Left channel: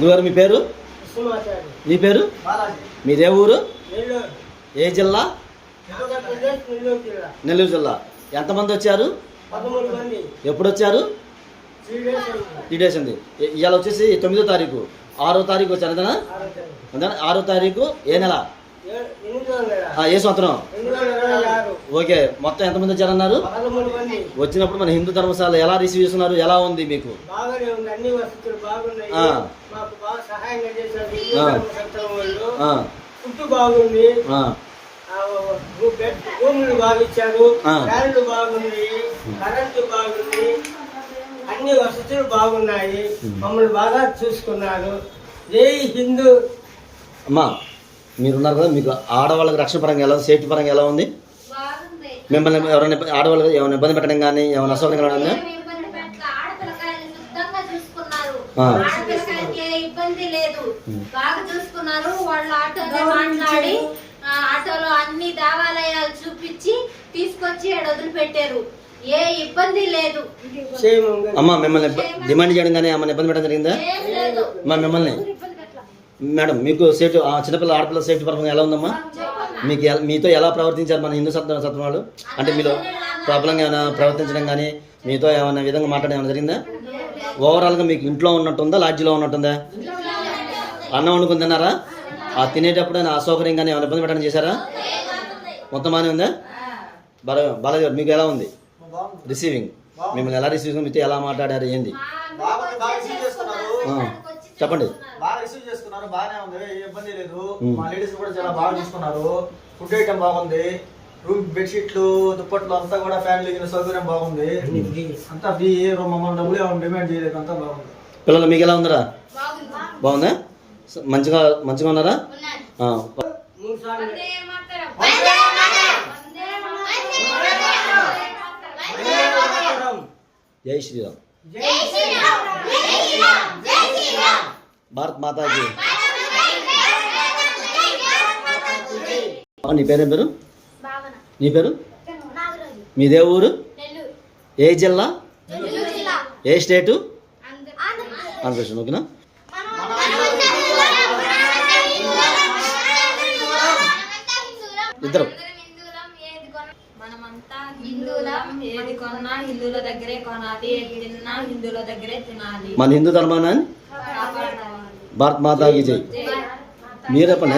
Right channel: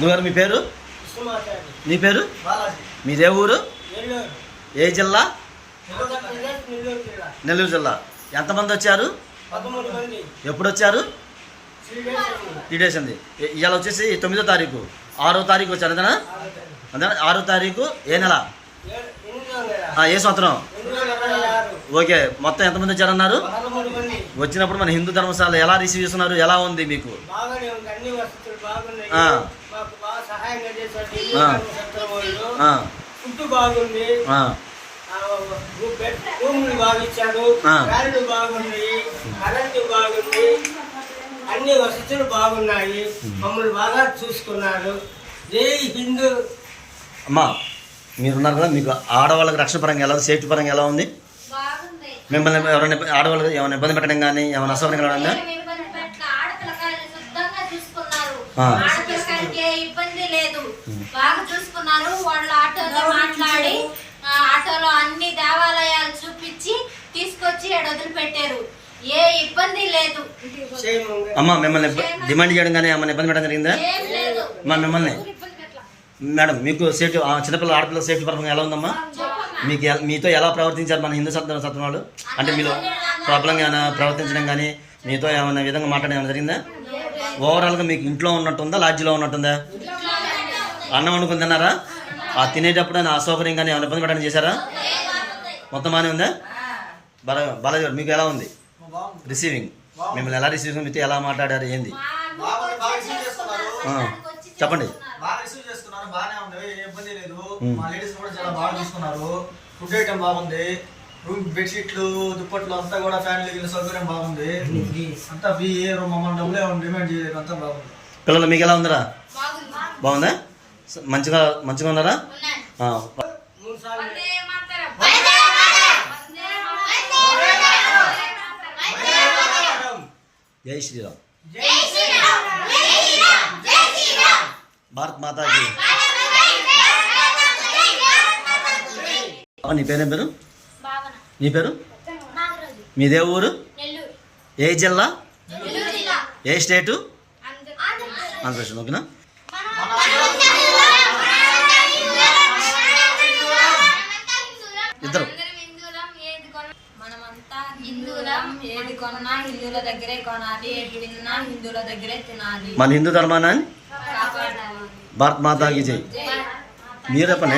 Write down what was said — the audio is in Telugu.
గురుగారు మీ పేరు? మీ పేరు? మీదే ఊరు? ఏ జిల్లా? నెల్లూరు జిల్లా. ఎంతమంది వచ్చారు? ఎప్పుడు వచ్చారు? 3 days అండి. ఇవాళ వచ్చేసి 9వ తారీఖు, 6వ తారీఖు వచ్చారు అంతేనా? అంతేనా? 6వ తారీఖు ఏ నెల? ఏ సంవత్సరం? ఓకే. మొత్తం ఎంతమంది వచ్చారన్నారు? వచ్చినప్పుడు మన హిందూ ధర్మశాల ఎలా రిసీవ్ చేస్తున్నారు? ఎలా ఉంది మీకు? బాగుంది, రూములు బాగా ఇచ్చారు, ఫ్యాన్లు బాగుంది, కరెంటు బాగుంది, అన్ని వసతులు బాగున్నాయి, మమ్మల్ని బాగా చూసుకున్నారు. జై హిందూ. అమ్మా మీరున్నారు కదా, మీకు ఆడవాళ్ళకి రక్షణ పరంగా ఎలా ఉంది? సేఫ్టీ పరంగా ఎలా ఉంది? మిమ్మల్ని ఎవరైనా ఆడవాళ్ళకి ఏమైనా ఇబ్బంది పెట్టడం కానీ ఏమైనా అసౌకర్యంగా ఉందా? ఇబ్బంది లేదు, బాగా చూసుకున్నారు. వాళ్ళు ఆటోలో మాట్లాడి ఆటోలో అన్ని దేవాలయాలు చూపించి తీసుకొచ్చి వదిలిపెట్టారు. ఏ ఇబ్బంది లేదు. అమ్మా మిమ్మల్ని డిమాండ్ చేయడం కానీ ఏమైనా ఇబ్బంది పెట్టడం జరిగిందా? మిమ్మల్ని మేడం మీకు సేఫ్టీ, చిన్నపిల్లల ఆడపిల్లల సేఫ్టీ పరంగా ఎలా ఉందమ్మా? మీకు మీతో ఎలా ప్రవర్తించారు మన హిందూ సత్వం వాళ్ళు? అంటే మీలో ప్రాబ్లంగా ఏమైనా ప్రవర్తించడం కానీ మీతో ఏమైనా విధంగా మాట్లాడడం ఏమైనా జరిగిందా? ఓవరాల్గా మీకు ఇంట్లో ఉన్నట్టుందా, లాడ్జిలో ఉన్నట్టుందా? అన్నం వండుకుని తిన్నారా? ఆ తినేటప్పుడు అయినా అసౌకర్యం కానీ ఏమైనా ఇబ్బంది పెట్టడం చేశారా? మొత్తం బాగానే ఉందా? బాలాజీ గారు మీకు ఎలా ఉంది రిసీవింగ్? మిమ్మల్ని ఎలా రిసీవ్, మీతో ఎలా మాట్లాడారు, ఏంది చెప్పండి. బాగా రిసీవ్ చేసుకున్నారు, బాగానే ఉంది, ఏ ఇబ్బంది లేదు. మా లేడీస్ కూడా చాలా బాగా చూసుకున్నారు. ఫుడ్ ఐటమ్ బాగుంది, రూమ్ బెడ్షీట్లు, దుప్పట్లు అంతా కూడా ఫ్యామిలీ సౌకర్యం బాగుంది. అంతా మమ్మల్ని డబ్బులు ఏమైనా డిమాండ్ చేయలేదు, అంతా బాగుంది. పిల్లలు మీకు ఎలా ఉందరా? బాగుందా? మంచిగా ఉన్నారా? జై శ్రీరామ్. భారత్ మాతాకి. నీ పేరేం పేరు? నీ పేరు? మీదే ఊరు? ఏ జిల్లా? ఏ స్టేటు? ఆంధ్రప్రదేశ్. ఓకేనా? ఇద్దరు ఏది కొన్నా హిందువుల దగ్గరే కొనాలి, ఏది తిన్నా హిందువుల దగ్గరే తినాలి. మన హిందూ ధర్మాన్ని భారత్ మాతాకి జై. మీరే పని